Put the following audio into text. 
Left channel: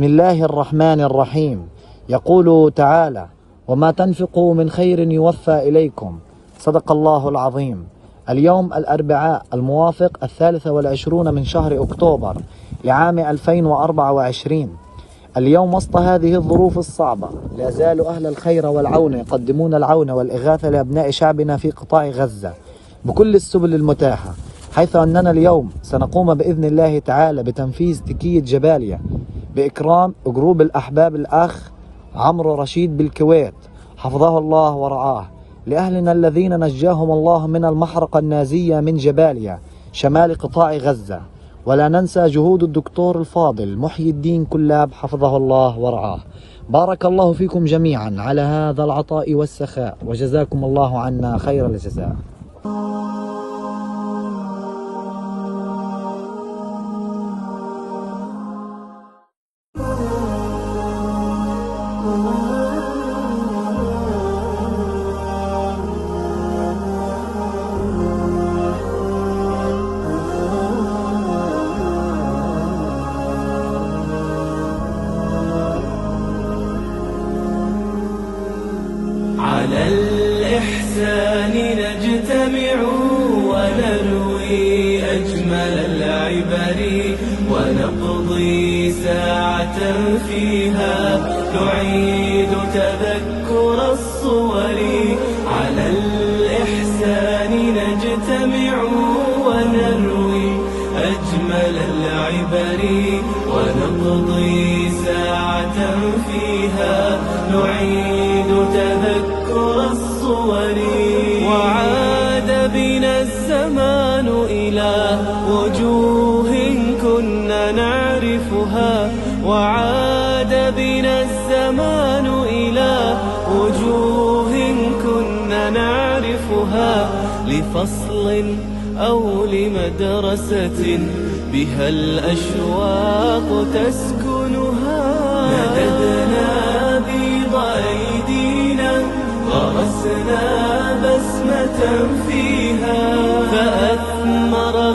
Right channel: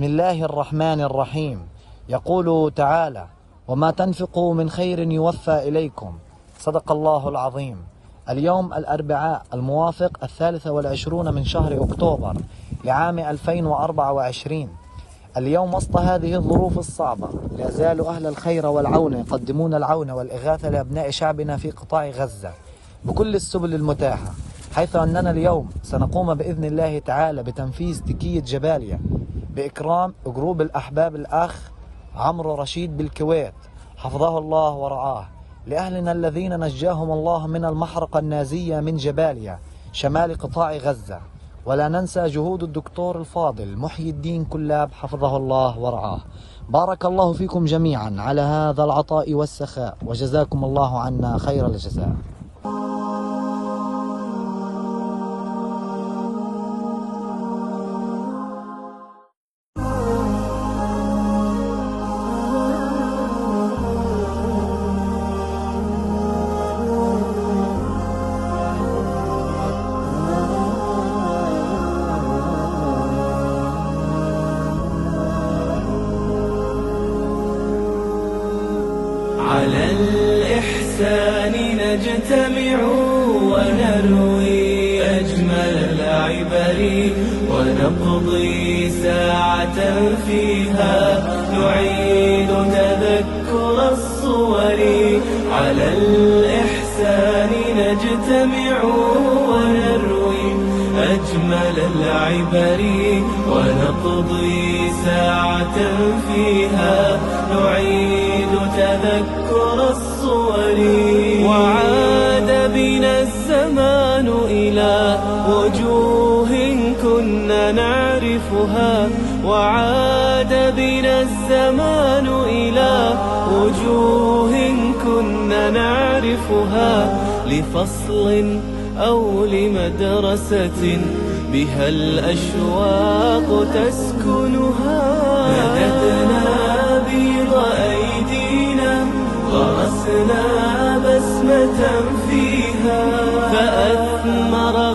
بسم الله الرحمن الرحيم. يقول تعالى: وما تنفقوا من خير يوفى إليكم. صدق الله العظيم. اليوم الأربعاء الموافق 23 من شهر أكتوبر لعام 2024. اليوم وسط هذه الظروف الصعبة لا يزال أهل الخير والعون يقدمون العون والإغاثة لأبناء شعبنا في قطاع غزة بكل السبل المتاحة، حيث أننا اليوم سنقوم بإذن الله تعالى بتنفيذ تكية جباليا بإكرام جروب الأحباب الأخ عمرو رشيد بالكويت حفظه الله ورعاه، لأهلنا الذين نجاهم الله من المحرقة النازية من جباليا شمال قطاع غزة. ولا ننسى جهود الدكتور الفاضل محي الدين كلاب حفظه الله ورعاه. بارك الله فيكم جميعا على هذا العطاء والسخاء، وجزاكم الله عنا خير الجزاء. على الإحسان نجتمع ونروي أجمل العبر، ونقضي ساعة فيها نعيد تذكر الصور. على الإحسان نجتمع ونروي أجمل العبر، ونقضي ساعة فيها نعيد تذكر الصور. وعاد بنا الزمان إلى وجوه كنا نعرفها، وعاد بنا الزمان إلى وجوه كنا نعرفها، لفصل أو لمدرسة بها الأشواق تسكنها. مددنا بيض أيدينا غرسنا بسمة فيها، فأثنى